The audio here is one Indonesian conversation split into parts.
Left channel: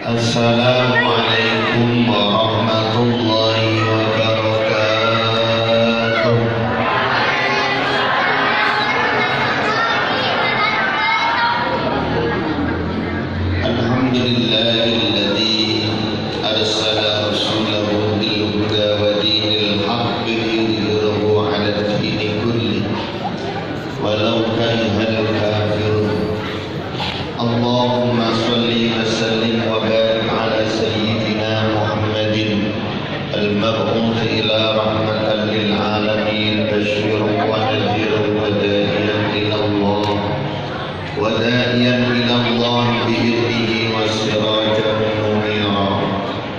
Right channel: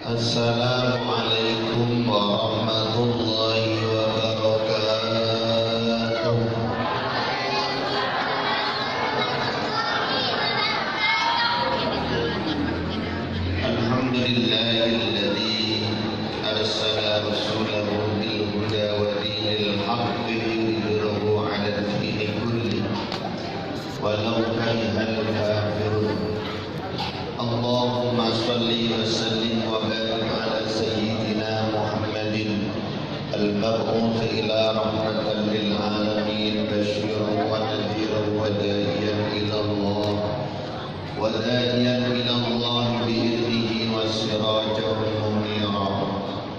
Assalamualaikum warahmatullahi wabarakatuh. Alhamdulillahilladzi arsala rasulahu bil huda wa dinil haqqi liyudhhirahu 'ala ad-dini kullihi walau karihal kafirun. Allahumma shalli wa sallim wa barik ala sayyidina Muhammadin al-mab'uts ila rahmatan lil alamin basyiran wa nadhiran wa da'iyan ila Allah bi idnihi wa sirajan munira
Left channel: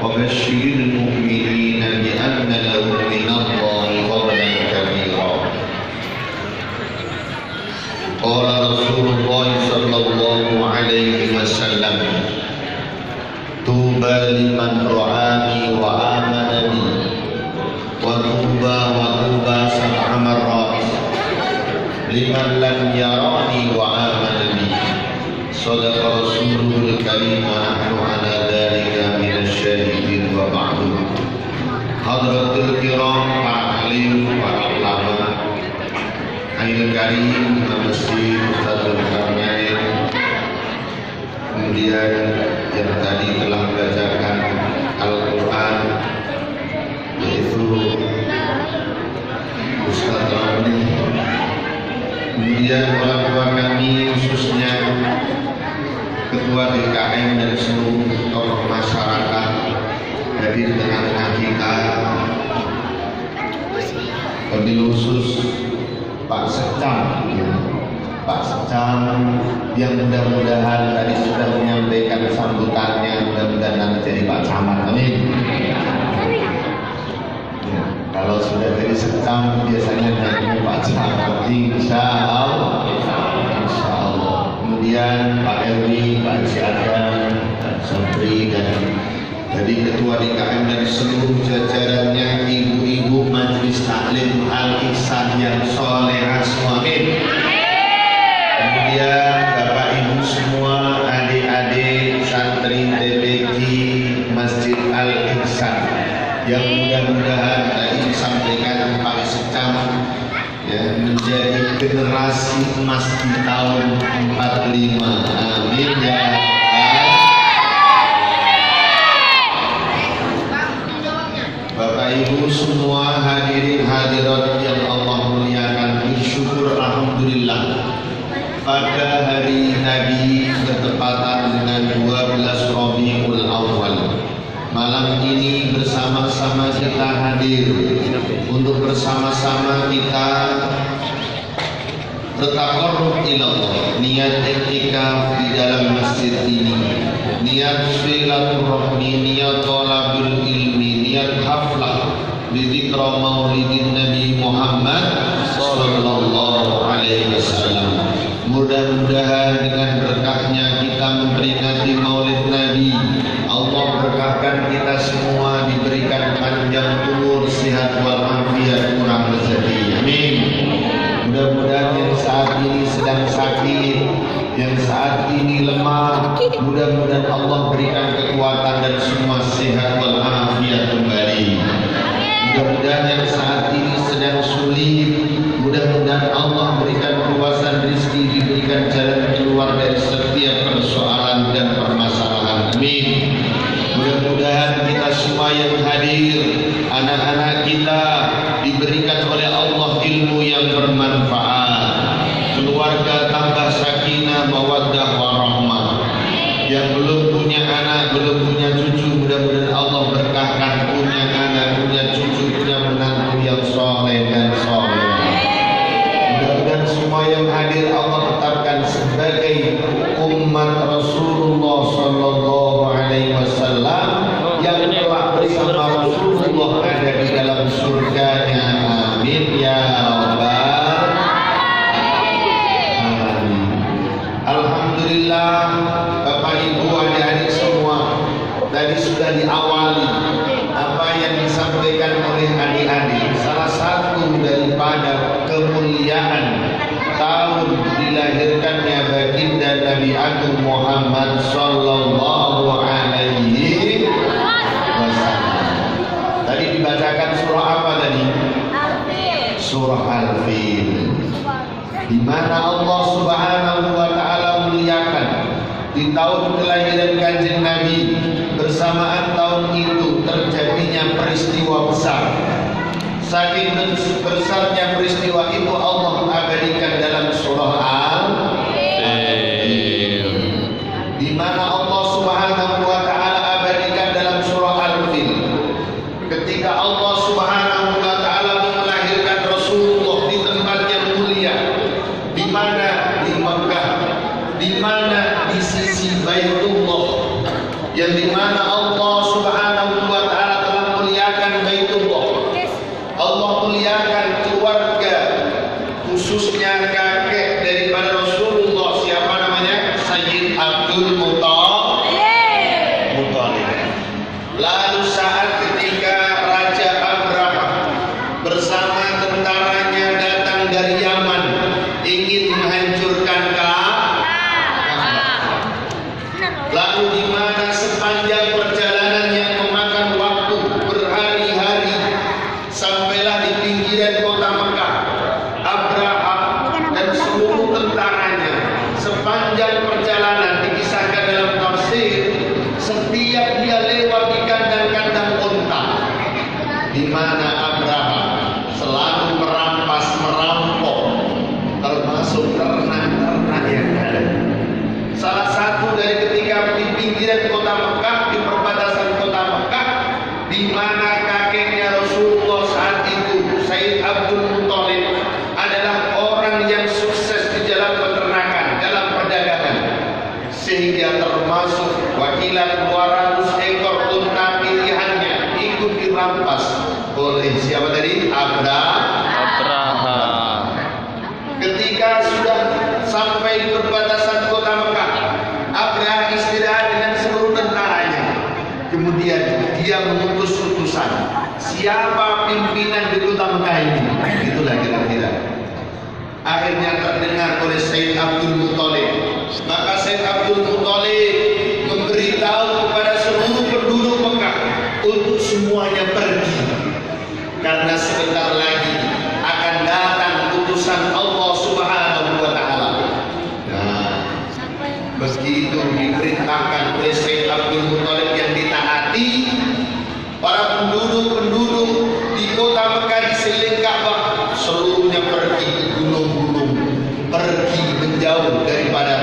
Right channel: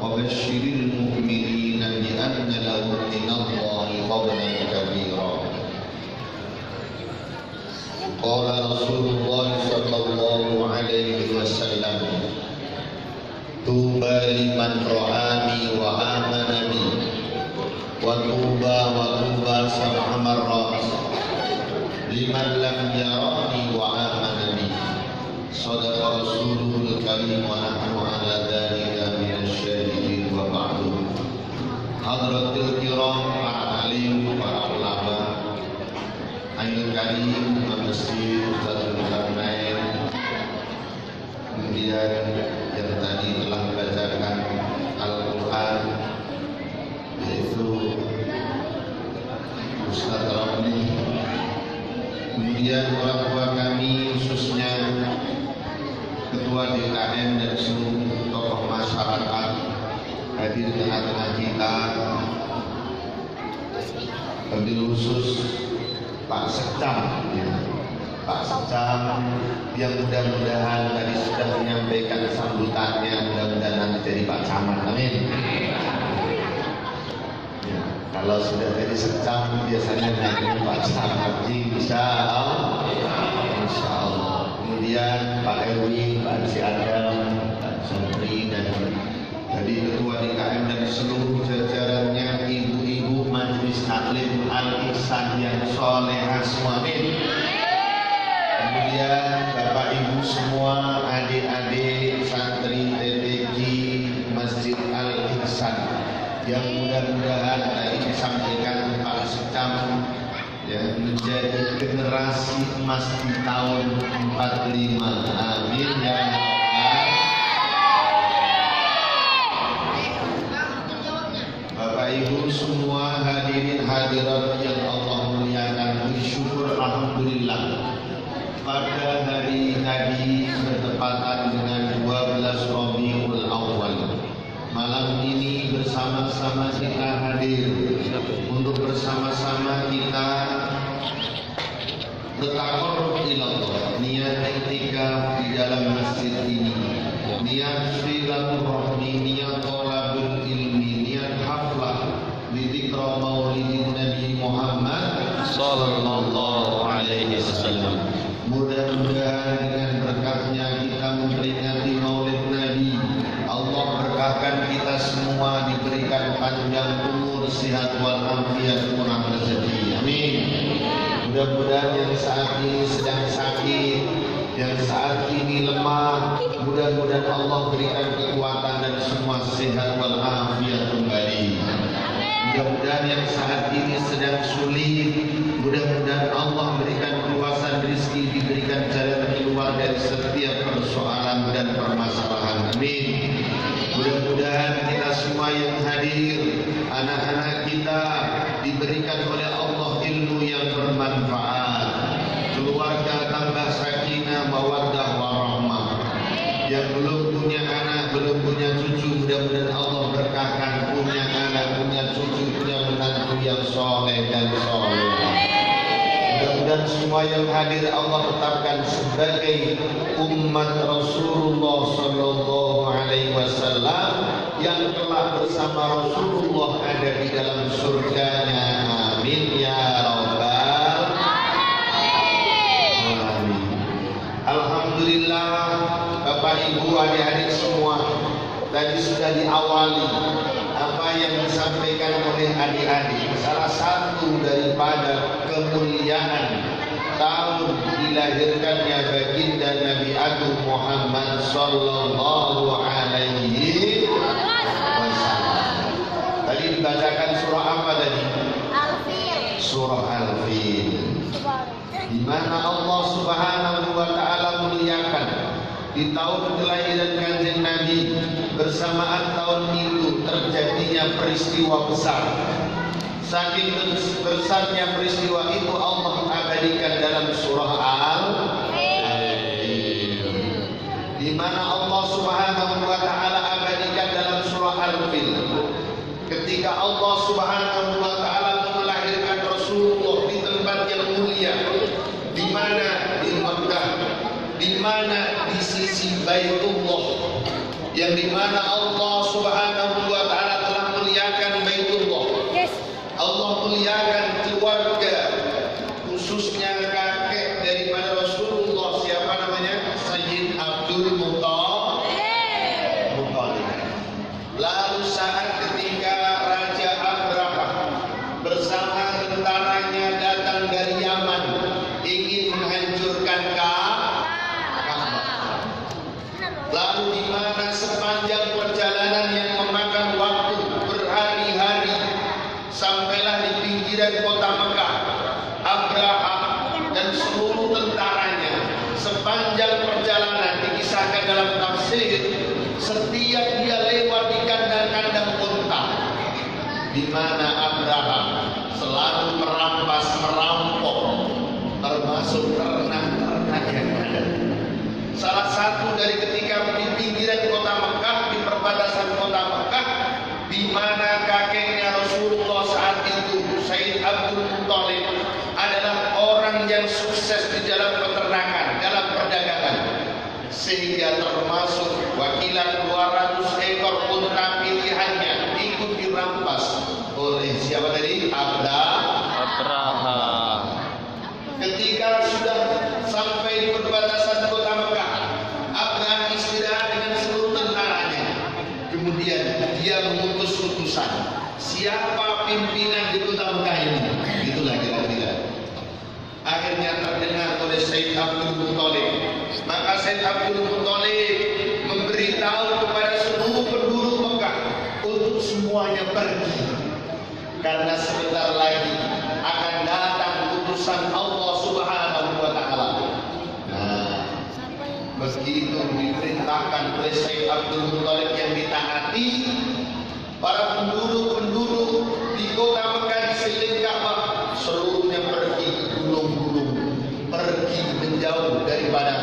wa basyiril mu'minina bi anna lahum min Allahi fadlan kabira. Qala Rasulullah sallallahu alaihi wasallam, tuba liman ra'ani wa amanani wa tuba sab'a marrat liman lam yarani wa amanani. Sadaqa Rasulul Karim wa nahnu ala dhalika minasyahidin wa ba'du. Hadratul kiram, para alim, para ulama, Aidil Karim, Masjid Ustadzul Karnain, kemudian yang tadi telah membacakan Al-Quran yaitu Ustadz Ramli, kemudian orang tua kami khususnya Ketua DKM dan seluruh tokoh masyarakat hadir di tengah-tengah kita, wabil khusus Pak Sekcam yang mudah-mudahan tadi sudah menyampaikan sambutannya, mudah-mudahan nanti jadi Pak Camat. Amin. Ya, kalau sudah jadi Sekcam biasanya naiknya Pak Camat, insya Allah. Kemudian Pak Erwi, Pak Haji Adam, Pak Sobri, dan jadi Ketua DKM dan seluruh jajarannya, ibu-ibu Majelis Taklim Al-Ihsan yang solehah semua. Amin. Kemudian Bapak Ibu semua, adik-adik santri TPQ Masjid Al-Ihsan yang mudah-mudahan tadi disampaikan Pak Sekam ya, menjadi generasi emas di tahun 45. Amin ya. Bapak Ibu semua, hadirin hadirat yang Allah muliakan, bersyukur alhamdulillah pada hari tadi bertepatan dengan 12 Rabiul Awal, malam ini bersama-sama kita hadir untuk bersama-sama kita bertaqarrub ila Allah, niat i'tikaf di dalam masjid ini, niat silaturahmi, niat thalabul ilmi, niat haflah di dzikra maulidin Nabi Muhammad sallallahu alaihi wasallam. Mudah-mudahan dengan berkahnya kita memperingati maulid Nabi, Allah berkahkan kita semua, diberikan panjang umur, sehat walafiat, kurang rezeki. Amin. Mudah-mudahan yang saat ini sedang sakit, yang saat ini lemah, mudah-mudahan Allah berikan kekuatan dan semua sehat walafiat kembali. Mudah-mudahan yang saat ini sedang sulit, mudah-mudahan Allah berikan keluasan rezeki, diberikan jalan keluar dari setiap persoalan dan permasalahan. Amin. Mudah-mudahan kita semua yang hadir, anak-anak kita diberikan oleh Allah ilmu yang bermanfaat, keluarga tambah sakinah, mawaddah, warahmah. Yang belum punya anak, belum punya cucu, mudah-mudahan Allah berkahkan punya anak, punya cucu, punya menantu yang soleh dan soleh. Mudah-mudahan semua yang hadir Allah tetapkan sebagai umat Rasulullah sallallahu alaihi wasallam yang telah bersama Rasulullah ada di dalam surganya. Amin ya rabbal alamin. Alhamdulillah, Bapak Ibu adik-adik semua, tadi sudah diawali apa yang disampaikan oleh adik-adik. Salah satu daripada kemuliaan tahun dilahirkannya baginda Nabi Agung Muhammad sallallahu alaihi di mana Allah Subhanahu wa taala muliakan di tahun kelahiran Kanjeng Nabi. Bersamaan tahun itu terjadinya peristiwa besar. Saking besarnya peristiwa itu Allah mengabadikan dalam surah Al-Fil, di mana Allah Subhanahu wa taala abadikan dalam surah Al-Fil ketika Allah Subhanahu wa taala melahirkan Rasulullah di tempat yang mulia, di mana di Mekah, di mana di sisi Baitullah, yang di mana Allah Subhanahu wa taala telah muliakan Baitullah. Allah muliakan keluarga, khususnya kakek daripada Rasulullah, siapa namanya? Sayyid Abdul Muttalib. Lalu saat ketika Raja Abraham bersama tentaranya datang dari Yaman ingin menghancurkan Ka'bah. Lalu di mana sepanjang perjalanan yang memakan waktu berhari-hari sampailah di pinggiran kota Mekah, Abraham dan seluruh tentaranya sepanjang perjalanan dikisahkan dalam tafsir, setiap dia lewat di kandang-kandang unta, di mana Abraham selalu merampas, merampok, termasuk ternak-ternak yang ada. Salah satu dari ketika di pinggiran kota Mekah, di perbatasan kota Mekah, di mana kakeknya Rasulullah saat itu, Sayyid Abdul Muttalib, adalah orang yang sukses di dalam peternakan, dalam perdagangan, sehingga termasuk wakilan 200 ekor unta pilihannya ikut dirampas oleh siapa tadi? Abraham. Ketika sudah sampai di perbatasan kota Mekah, Abraham istirahat dengan seluruh tentaranya. Kemudian dia mengutus utusan, siapa pimpinan di kota Mekah ini? Itulah kira-kira. Akhirnya terdengar oleh Sayyid Abdul Muttalib. Maka Sayyid Abdul Muttalib memberitahu kepada seluruh penduduk Mekah untuk semuanya pergi, karena sebentar lagi akan datang utusan Allah Subhanahu wa taala. Nah, begitu diperintahkan oleh Sayyid Abdul Muttalib yang ditaati, para penduduk-penduduk di kota Mekah di sekeliling Ka'bah seluruhnya pergi ke gunung-gunung, pergi menjauh daripada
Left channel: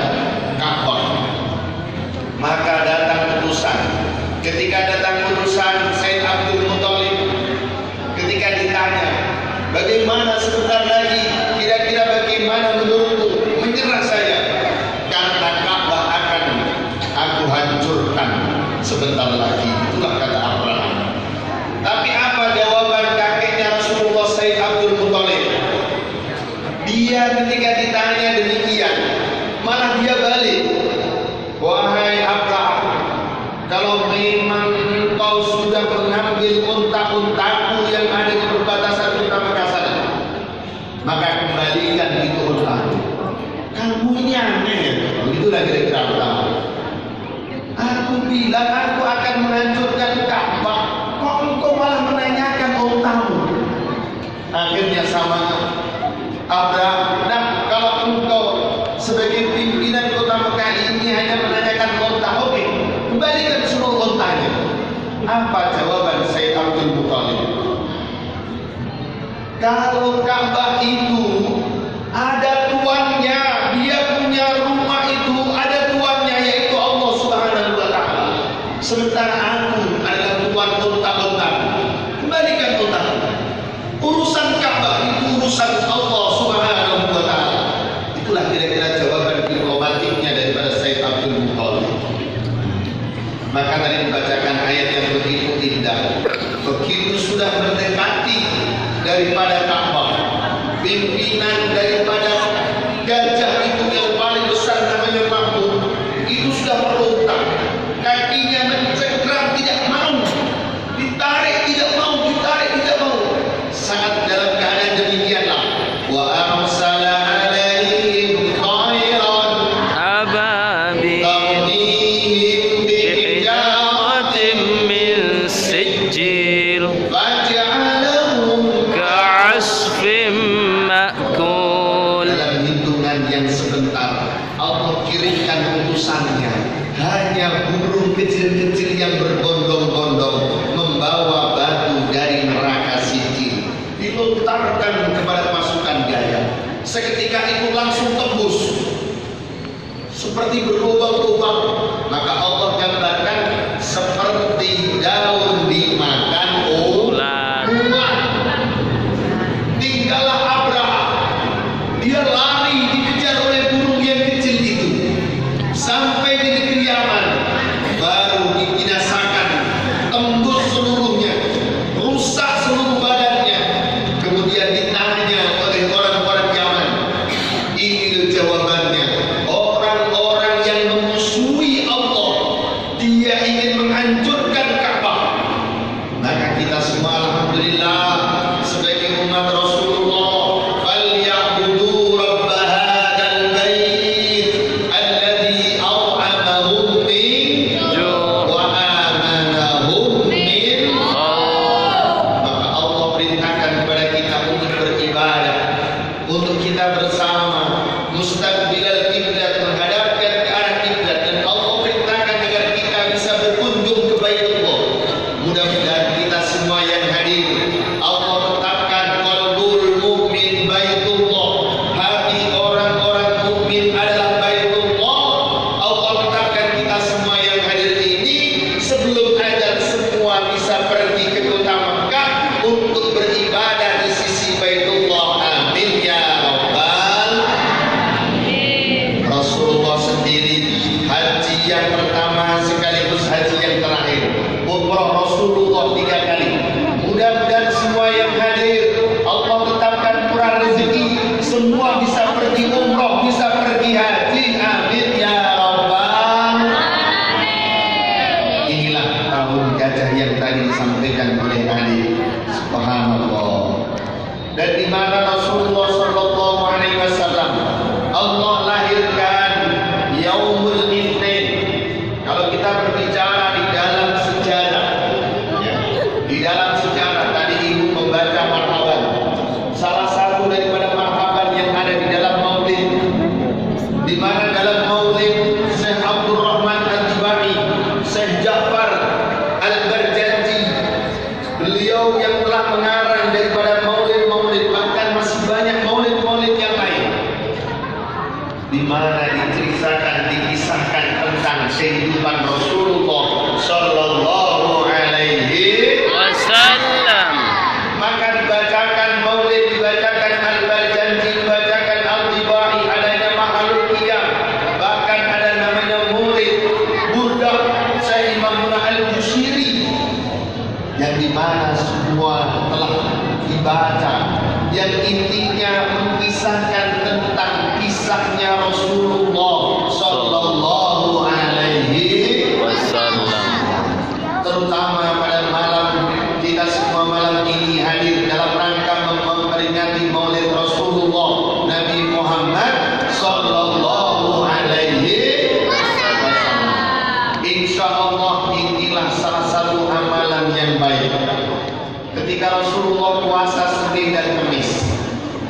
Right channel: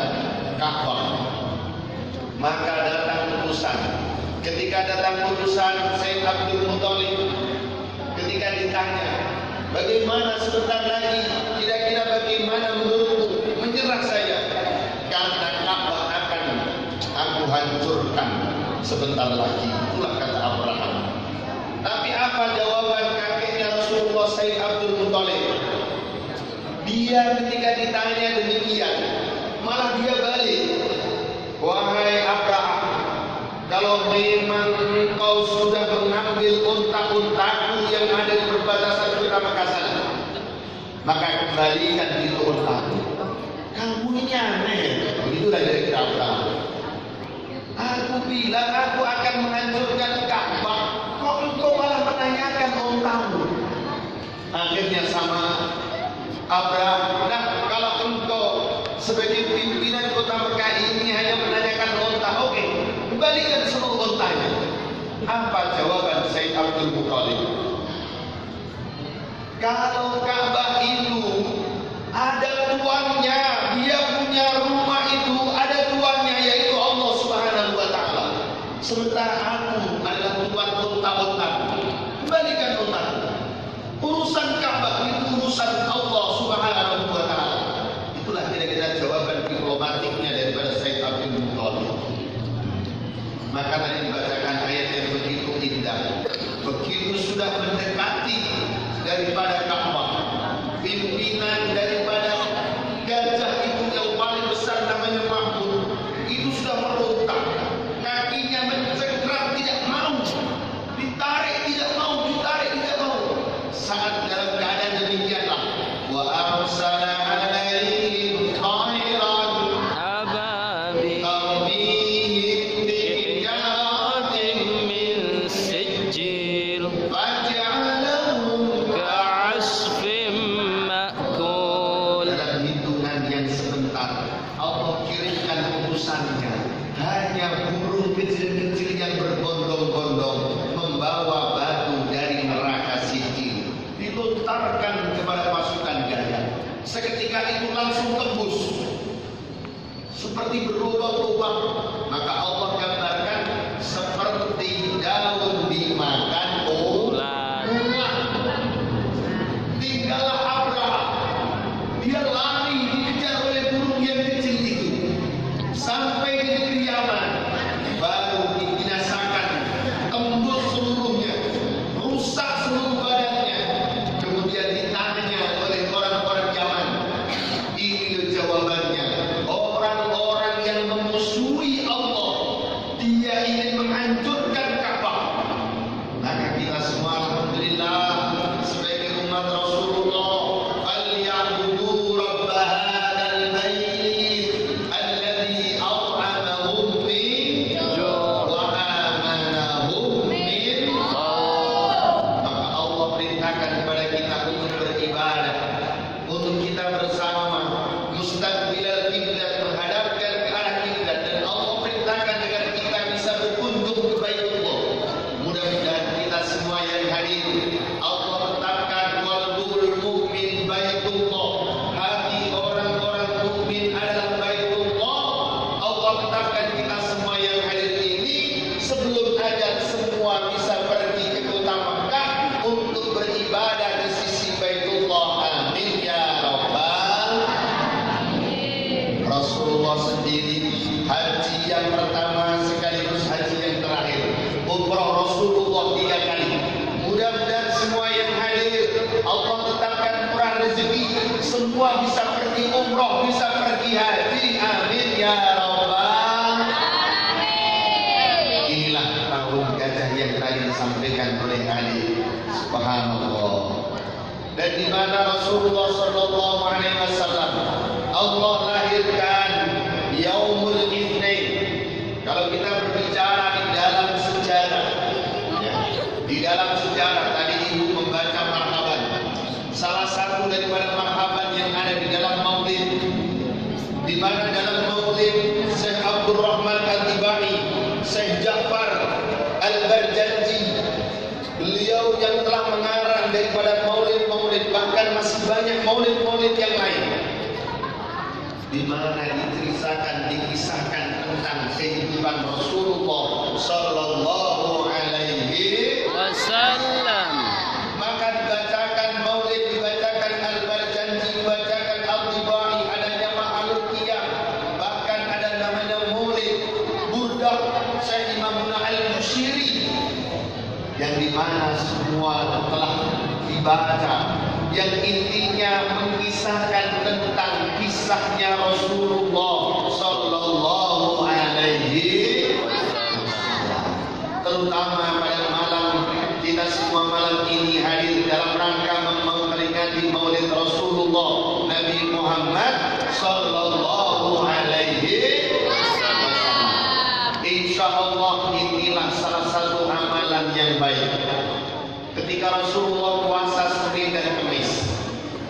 Ka'bah. Maka datang utusan. Ketika datang utusan Sayyid Abdul Muttalib, ketika ditanya, bagaimana sebentar lagi, kira-kira bagaimana menurutmu menyerah saya? Karena Ka'bah akan aku hancurkan sebentar lagi. Itulah kata Abraham. Tapi apa jawaban kakeknya Rasulullah Sayyid Abdul Muttalib? Dia ketika ditanya demikian, malah dia balik, wahai Abraham, kalau memang engkau sudah mengambil unta-untaku yang ada di perbatasan kota Mekah sana, maka kembalikan itu untaku. Kamu ini aneh, begitulah kira-kira Abraham. Aku bilang aku akan menghancurkan Ka'bah, kok engkau malah menanyakan untamu? Akhirnya sama Abraham, nah kalau engkau sebagai pimpinan kota Mekah ini hanya menanyakan unta, oke, kembalikan seluruh untanya. Apa jawaban Sayyid Abdul Muttalib? Kalau Ka'bah itu ada tuannya, dia punya rumah itu ada tuannya, yaitu Allah Subhanahu wa taala. Sementara aku adalah tuan unta-unta. Kembalikan unta. Urusan Ka'bah itu urusan Allah Subhanahu wa taala. Itulah kira-kira jawaban diplomatiknya daripada Sayyid Abdul Muttalib. Maka tadi dibacakan ayat yang begitu indah. Begitu sudah mendekati daripada Ka'bah, pimpinan daripada gajah itu yang paling besar namanya Mahmud, itu sudah merontak, kakinya mencengkram, tidak mau ditarik, tidak mau ditarik, tidak mau. Saat dalam keadaan demikianlah, wa arsala alaihim khairan ababil bihijaratin min sijil faj'alahum ka'asfin ma'kul. dalam hidup kecil-kecil yang berbondong-bondong membawa batu dari neraka sijil, dilontarkan kepada pasukan Gaya. Seketika itu langsung tembus seperti berlubang-lubang. Maka Allah gambarkan seperti daun dimakan ulat. Tinggallah Abraham, dia lari dikejar oleh burung yang kecil itu sampai di negeri Yaman, baru dibinasakan, tembus seluruhnya, rusak seluruh badannya. Kemudian ditanya oleh orang-orang Yaman, ini loh jawabannya. Orang-orang yang memusuhi Allah, dia ingin menghancurkan Ka'bah. Maka kita semua alhamdulillah sebagai umat Rasulullah, falyabudu rabb hadzal bait alladzi at'amahum min wa amanahum min khauf. Maka Allah perintahkan kepada kita untuk beribadah, untuk kita bersama mustaqbilal kiblat, menghadapkan ke arah kiblat, dan Allah perintahkan agar kita bisa berkunjung ke Baitullah. Mudah-mudahan kita semua yang hadir, Allah tetapkan qalbul mukmin Baitullah, hati orang-orang mukmin adalah Baitullah. Allah tetapkan kita semua yang hadir ini sebelum ajal semua bisa pergi ke kota Makkah untuk beribadah di sisi Baitullah. Amin ya rabbal. Rasulullah sendiri haji yang pertama sekaligus haji yang terakhir, umrah Rasulullah 3 kali. Mudah-mudahan semua yang hadir Allah tetapkan kurang rezeki, semua bisa pergi umrah, bisa pergi haji. Amin ya rabbal. Inilah tahun gajah yang tadi disampaikan oleh Ali. Subhanallah. Dan di mana Rasulullah sallallahu alaihi wasallam Allah lahirkan Yaumul Itsnin. Kalau kita berbicara di dalam sejarah, ya, di dalam sejarah tadi ibu membaca marhaban. Salah satu daripada marhaban yang ada di dalam Maulid, di mana dalam Maulid Syekh Abdul Rahman Al-Tibai, Syekh Ja'far Al-Barjanji, beliau yang telah mengarang daripada maulid-maulid, bahkan masih banyak maulid-maulid yang lain, di mana diceritakan, dikisahkan tentang kehidupan Rasulullah sallallahu alaihi wasallam. maka dibacakan maulid, dibacakan Al-Barjanji, dibacakan Al-Tibai, adanya makhluk qiyam, bahkan ada namanya maulid burdah Syekh Imam Al-Bushiri, yang dimana semua telah dibaca, yang intinya mengisahkan tentang kisahnya Rasulullah sallallahu alaihi Wasallam. terutama pada malam kita semua malam ini hadir dalam rangka memperingati Maulid Rasulullah Nabi Muhammad sallallahu alaihi wasallam. Insyaallah inilah salah satu amalan yang baik. Ketika Rasulullah puasa Senin dan Kamis,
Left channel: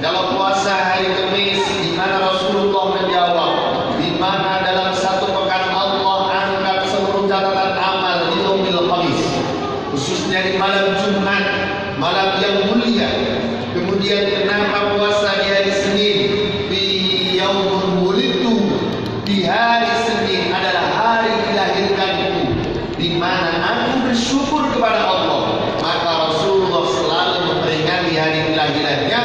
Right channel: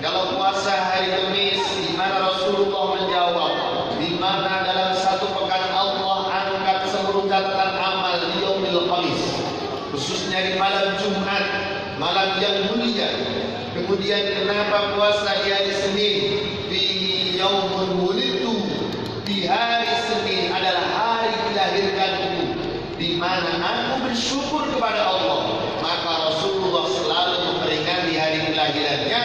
kalau puasa hari Kamis, di mana Rasulullah menjawab, di mana dalam satu pekan Allah angkat seluruh catatan amal di Yaumil Khamis, khususnya di malam Jumat, malam yang mulia. Kemudian kenapa puasa di hari Senin, di Yaumul Wulidtu, di hari Senin adalah hari dilahirkanku, di mana aku bersyukur kepada Allah. Maka Rasulullah selalu memperingati hari kelahirannya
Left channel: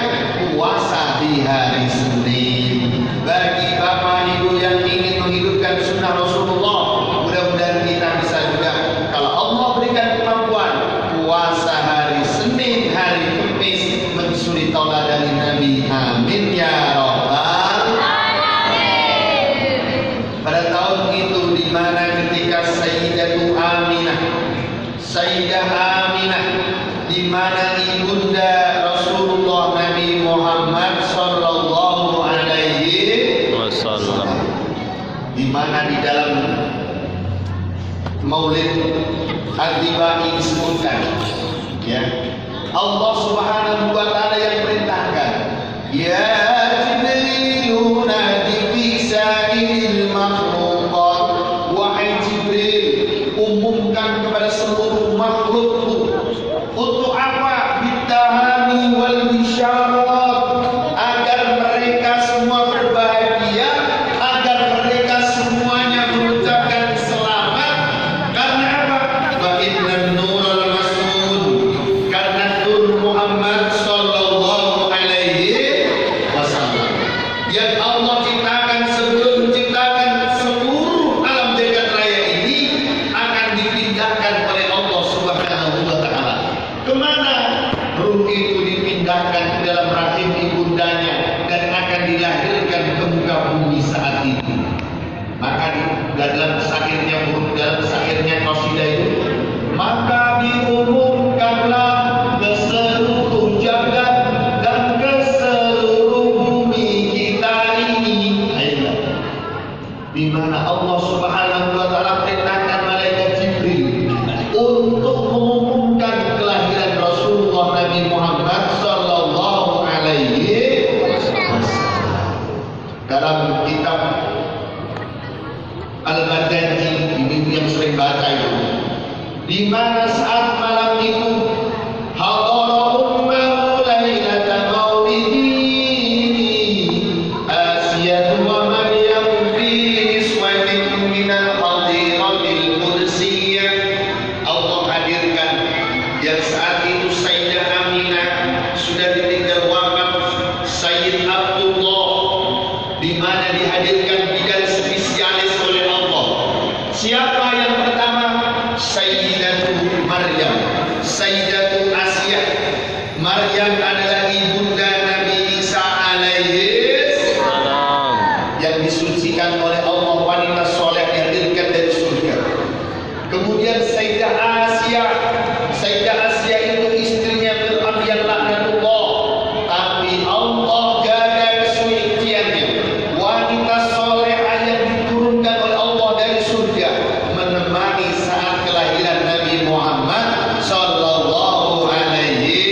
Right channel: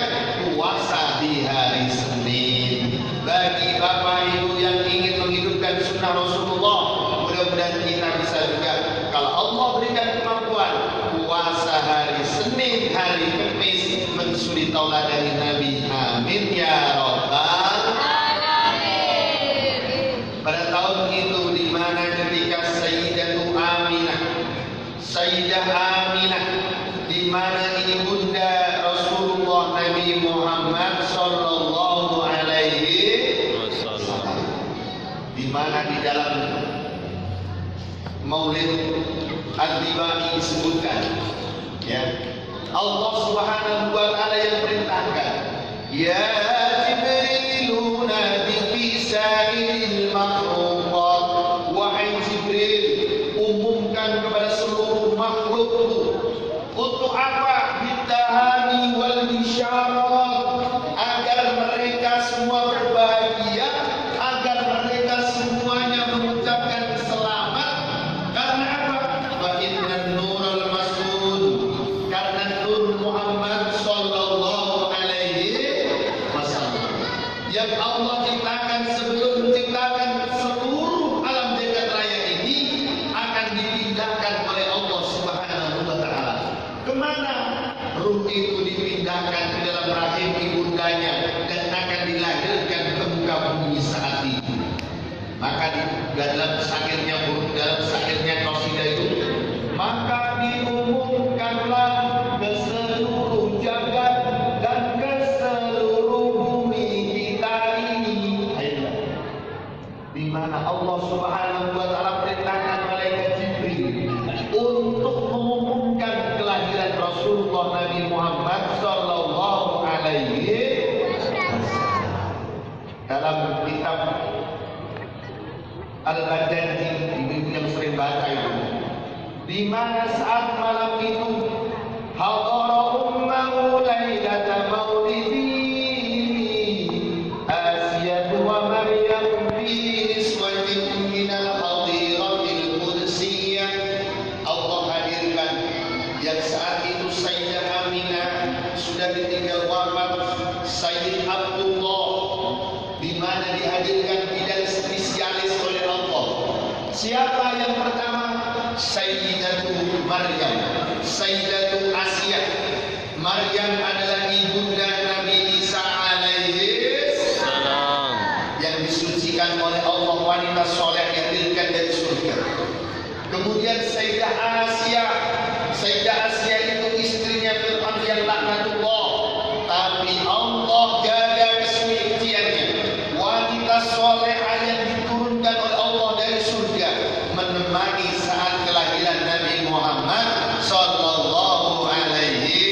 puasa di hari Senin. Bagi bapak ibu yang ingin menghidupkan sunnah Rasulullah, mudah-mudahan kita bisa juga, kalau Allah berikan kemampuan, puasa hari Senin, hari Kamis, mensuri tauladan Nabi. Amin ya rabbal. Pada tahun itu, di mana ketika Sayyidah Aminah, di mana ibunda Rasulullah Nabi Muhammad sallallahu alaihi wasallam, di mana di dalam Maulid Al-Tibai disebutkan, ya, Allah Subhanahu wa taala yang perintahkan, ya Jibril nadi fi sa'il makhluqat, wahai Jibril, Kemana? Ruh itu dipindahkan ke dalam rahim ibundanya dan akan dilahirkan ke muka bumi saat itu. Maka dalam syairnya qasidah itu, maka diumumkanlah ke seluruh jagat dan ke seluruh bumi kita ini. Ayolah. Di mana Allah Subhanahu wa taala perintahkan malaikat Jibril untuk mengumumkan kelahiran Rasulullah Nabi Muhammad sallallahu alaihi wasallam. Dalam kitab Al-Badanji, ibu yang sering baca itu, di mana saat malam itu hadara ummahu lailata maulidihi Asiyah wa Maryam fi iswatin minal hadiratil qudsiyah. Allah hadirkan yang saat itu Sayyidah Aminah sudah ditinggal wafat Sayyid Abdullah, di mana dihadirkan bidan spesialis oleh Allah. Siapa yang pertama? Sayyidatu Maryam, Sayyidatu Asiyah. Maryam adalah ibunda Nabi Isa alaihi Salam. yang disucikan oleh Allah, wanita soleh yang dihadirkan dari surga. Kemudian Sayyidah Asiyah. Sayyidah Asiyah itu istrinya Fir'aun yang laknatullah, tapi Allah jaga kesuciannya. Wanita solehah yang diturunkan oleh Allah dari surga, menemani saat kelahiran Nabi Muhammad sallallahu alaihi.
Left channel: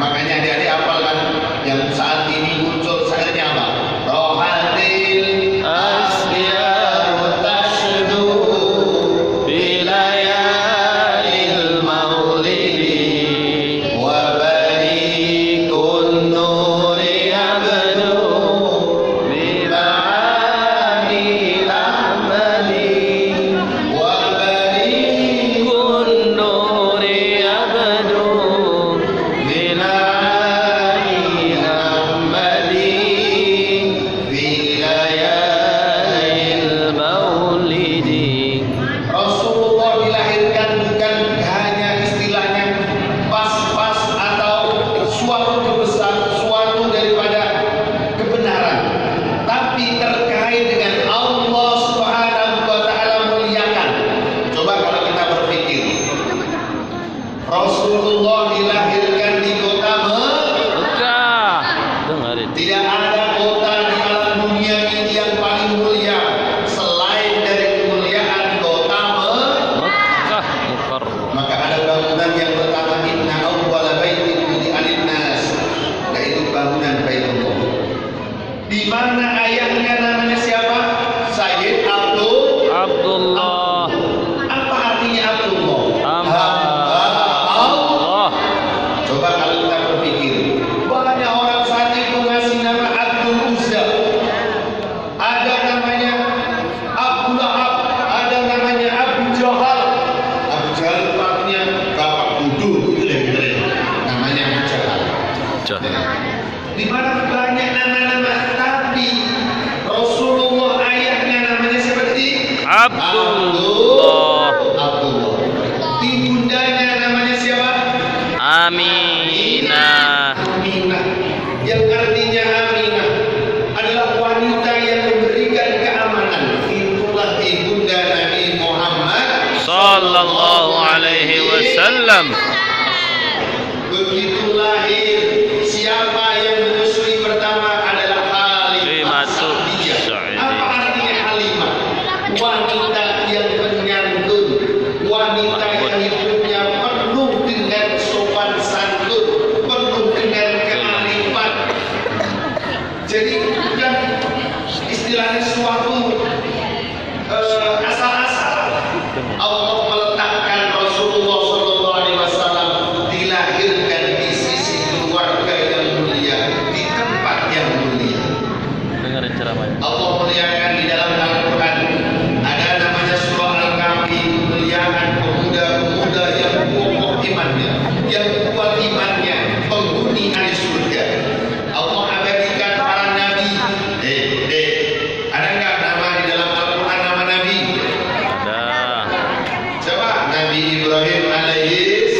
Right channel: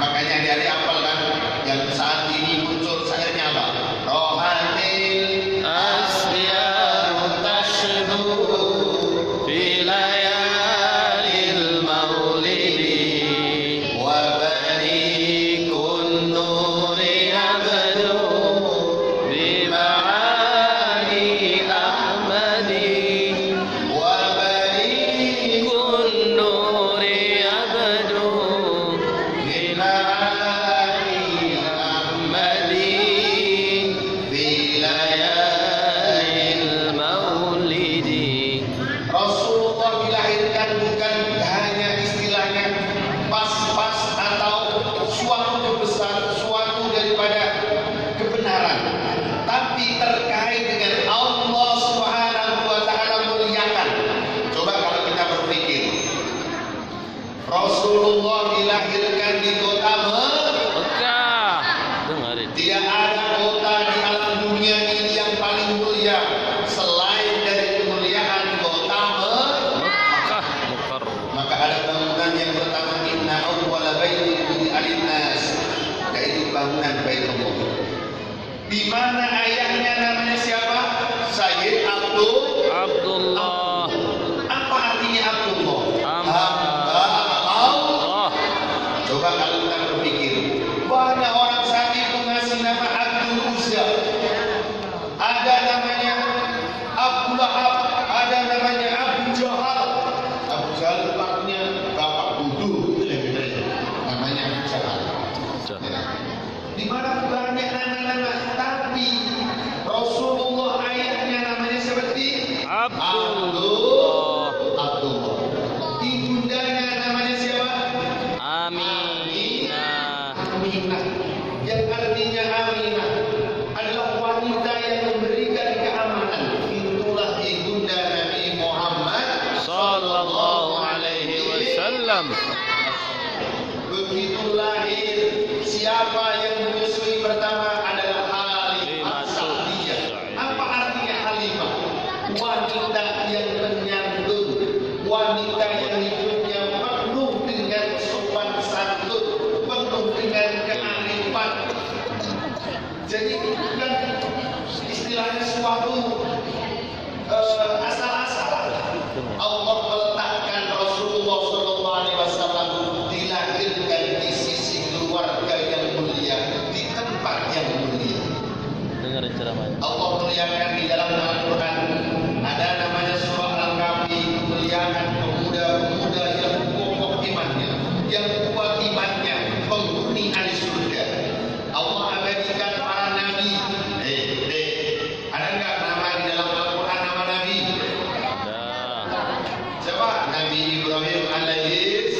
Makanya adik-adik hafalkan yang saat ini muncul syairnya apa? Rohatil Asyaru tashdu fi layalil maulidi wa barikun nuri abdu bil'ani ahmadi wa bari kun nuri abdu bil'ani ahmadi fi layalil maulidi. Rasulullah dilahirkan bukan hanya istilahnya pas-pas atau suatu kebesaran, suatu daripada kebenaran, tapi terkait dengan Allah Subhanahu wa taala muliakan. Coba kalau kita berpikir, Rasulullah dilahirkan di kota Mekah. Dengarin. tidak ada kota di alam dunia ini yang paling mulia selain dari kemuliaan kota Mekah Mukarram. Maka ada bangunan yang pertama, inna awwala baitin wudi'a lin-nas, yaitu bangunan Baitullah. Di mana ayahnya namanya siapa? Sayyid Abdullah. Apa artinya Abdullah? Hamba Allah. Allah. Coba kalau kita berpikir, banyak orang saat itu ngasih nama Abdul Uzza. Ada namanya Abu Lahab, ada namanya Abu Jahal. Abu Jahal itu artinya bapak bodoh, gitu lah kira-kira. Namanya Abu Jahal. Di mana banyak nama-nama, tapi Rasulullah ayahnya namanya siapa tadi? Abdullah. Abdullah. Ibundanya namanya siapa? Aminah. Aminah, yang artinya Aminah adalah wanita yang memberikan keamanan. Itulah ibunda Nabi Muhammad Sallallahu alaihi wasallam. Begitu lahir, siapa yang menyusui pertama adalah Halimah Halimah Sa'diyah. Apa artinya Halimah? Wanita yang penyantun, wanita yang hidupnya penuh dengan sopan santun, penuh dengan kearifan. Jadi bukan istilahnya suatu asal-asal. Allah meletakkan Rasulullah sallallahu alaihi wasallam dilahirkan di sisi keluarga yang mulia, di tempat yang mulia. Dengarin ceramahnya. Allah muliakan di dalam Al-Quran. Ada namanya surah Al-Kahfi, muliakan pemuda-pemuda yang kokoh imannya, yang kuat imannya, penghuni ahli surga. Allah abadikan para nabi. Ada nggak nama di dalam Al-Quran nama nabi? Ada. Coba Nabi Ibrahim alaihi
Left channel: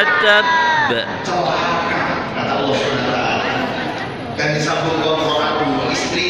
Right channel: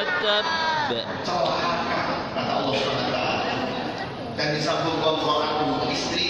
Atab. celaka kata Allah SWT. Dan disambung ke Quran istri